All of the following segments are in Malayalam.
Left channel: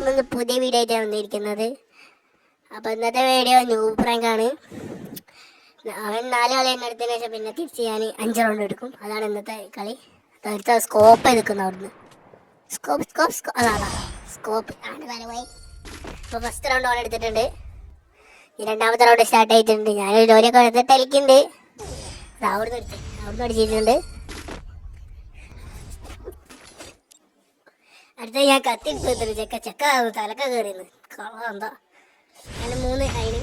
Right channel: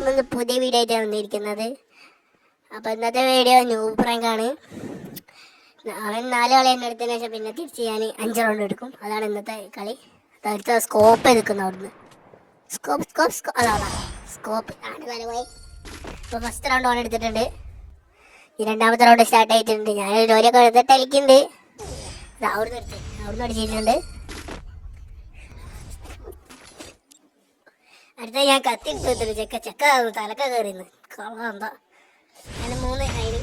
നമ്മൾ പുതിയ വീഡിയോ ആയിട്ടാണ് വന്നിരിക്കുന്നത്. അപ്പോൾ ഇന്നത്തെ വീഡിയോ ന്യൂ പ്രാങ്കാണ്. അവൻ 4 കളി തന്നെ എടുത്തതിന് ശേഷം പിന്നെ തിരിച്ച് ഞാൻ 5 റൗണ്ട് എടുക്കും. അതാണ് ഇന്നത്തെ കളി. അടുത്ത സ്കോപ്പ് നിൽക്കുന്ന അവിടുന്ന് സ്കോപ്പ് ആണ് തലവായി. ഇപ്പോൾ ഫസ്റ്റ് റൗണ്ട് ഓൺ എടുത്തിട്ടുണ്ട്. ഈ രണ്ടാമത്തെ റൗണ്ട് സ്റ്റാർട്ട് ആയിട്ടുണ്ട്. ഞാൻ ജോലിയൊക്കെ എടുത്തിട്ട് കളിക്കുന്നുണ്ട്. അവിടുന്ന് അടിച്ചിട്ടുണ്ട്. അടുത്ത ഞാൻ കത്തി ചെക്ക തലക്ക കയറിയെന്ന് എന്താ ഞാൻ 3 കഴിഞ്ഞ്.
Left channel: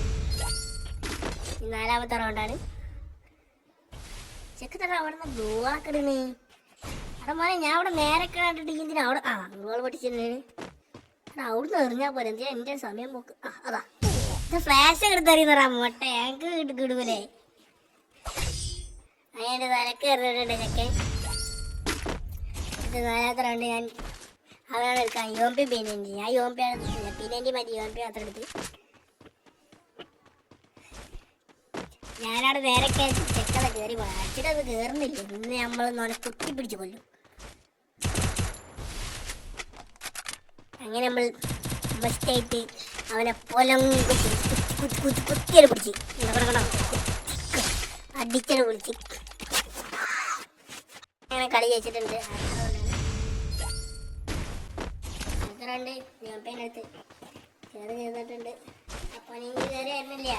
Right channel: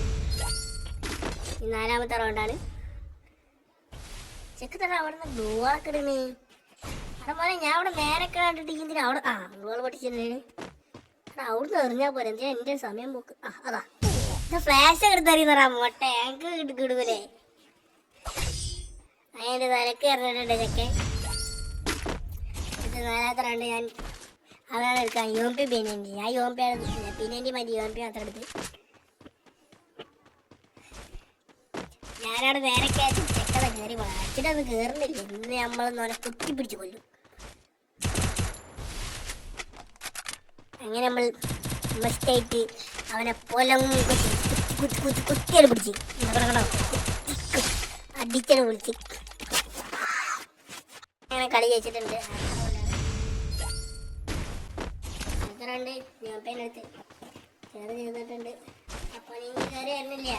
4ാമത്തെ റൗണ്ടാണ്. ചെക്ക തല അവിടെ നിന്ന് ബോളൊക്കെ ഇടുന്നേ. അവിടെ മോനെ ഞാൻ അവിടെ നേരെ കണ്ടിട്ട് അവിടെ ബോൾ പൊട്ടിച്ചിട്ടുണ്ട്. അവിടുന്ന് എറിഞ്ഞാൽ പോലെ എന്തിനാ എൻ്റെ സമയം പോക്ക്. അതാ ഫ്ലാഷ് എടുത്തറിയുന്നറാ മൊട്ട ആങ്ക് കിടുമല്ലേ. അതിൻ്റെ തലക്ക് എറിഞ്ഞിട്ടുണ്ട് ചെക്കൻ. 4ാമത്തെ റൗണ്ട് ഞാൻ അവരാണ് എടുക്കാൻ യോമ്പി പിന്നെ ഞാൻ യോമ്പിയാണ് പിന്നെ മതി യോമ്പി മാത്രം എടുത്ത് ഞാനവിടെ നേരെ ചെക്കനെ കയറി വളർത്തിട്ട് അത് കയറുന്നില്ല. ഇന്ന് നമ്മൾ കുത്തി പിടിച്ച് കൊല്ലും. അങ്ങനെ നമ്മൾ ബെസ്റ്റായിട്ട് അവനെ പൊലം കുത്തിയത് പിടിച്ച് അടിച്ചത് പിടിച്ച് അങ്ങനെ കളി ജയിച്ചിട്ടുണ്ട്. രണ്ട് യോമ്പേനടുത്ത് ചേർന്ന് ചെയ്തിട്ടുണ്ട്. അപ്പോൾ നിങ്ങൾ കയറി വരുന്നില്ല.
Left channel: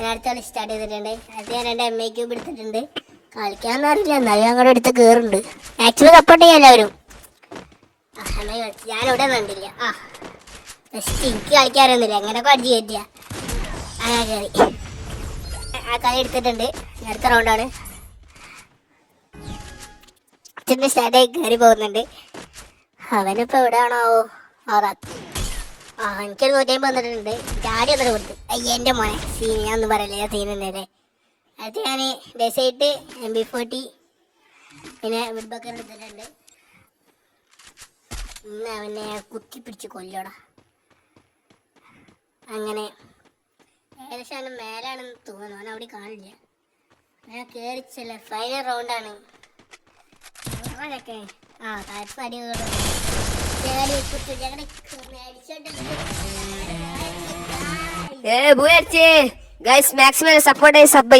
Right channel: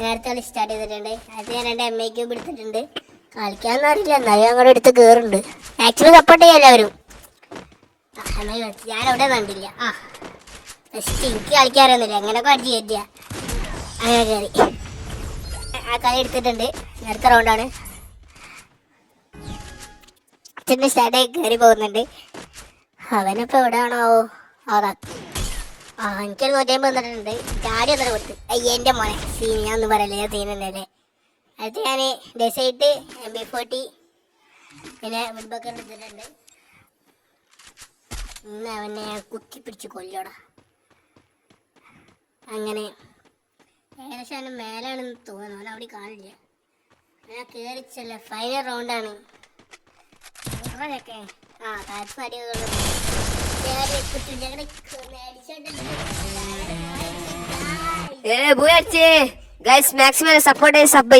നേരത്തെ കളി സ്റ്റാർട്ട് ചെയ്തിട്ടുണ്ട്. അത് ഞാൻ 2 MA ക്യൂബ് എടുത്തിട്ടുണ്ട്. കളിക്കാന്ന് അറിയില്ല, എന്നാലും ഞങ്ങളുടെ അടുത്ത് കയറുന്നുണ്ട്. ആക്ച്വലി സപ്പോർട്ട് ചെയ്യാൻ എല്ലാവരും. ഞാനിവിടെ കണ്ടില്ല. എനിക്ക് കളിക്കാറിയൊന്നുമില്ല. അങ്ങനെയൊക്കെ അടിച്ച് കയറ്റിയ അങ്ങനെ കളി ആ കളി എടുത്തിട്ടുണ്ട്. അടുത്ത റൗണ്ടാണ്. അച്ഛൻ്റെ സ്റ്റാർട്ടായി കയറി പോകുന്നുണ്ട്. അവനിപ്പോൾ എവിടെയാണോ എനിക്കൊരു 150 വന്നിട്ടുണ്ട്. ചാടി അത്ര കൊടുത്തു. എൻ്റെ മോനെ സീൻ ഞാൻ ഒന്നും പറയില്ല, ഞാൻ സീനുണ്ടല്ലേ. അടുത്ത് ഞാൻ ഡെസൈറ്റ് MP40 പിന്നെ വുഡ്ബക്കർ എടുത്തിട്ടുണ്ട്. ഇന്ന് അവനെ കുത്തിപ്പിടിച്ച് കൊല്ലോടാ. അങ്ങനെ ഏകദേശം അവൻ്റെ മേലാണെന്ന് തോന്നുന്നു. അവൻ അവിടെ കാണില്ല. ഞാൻ കയറിച്ചല്ല. ഫൈനൽ റൗണ്ടാണ്. താഴത്തെ അടികൾ guys, maximum support is sub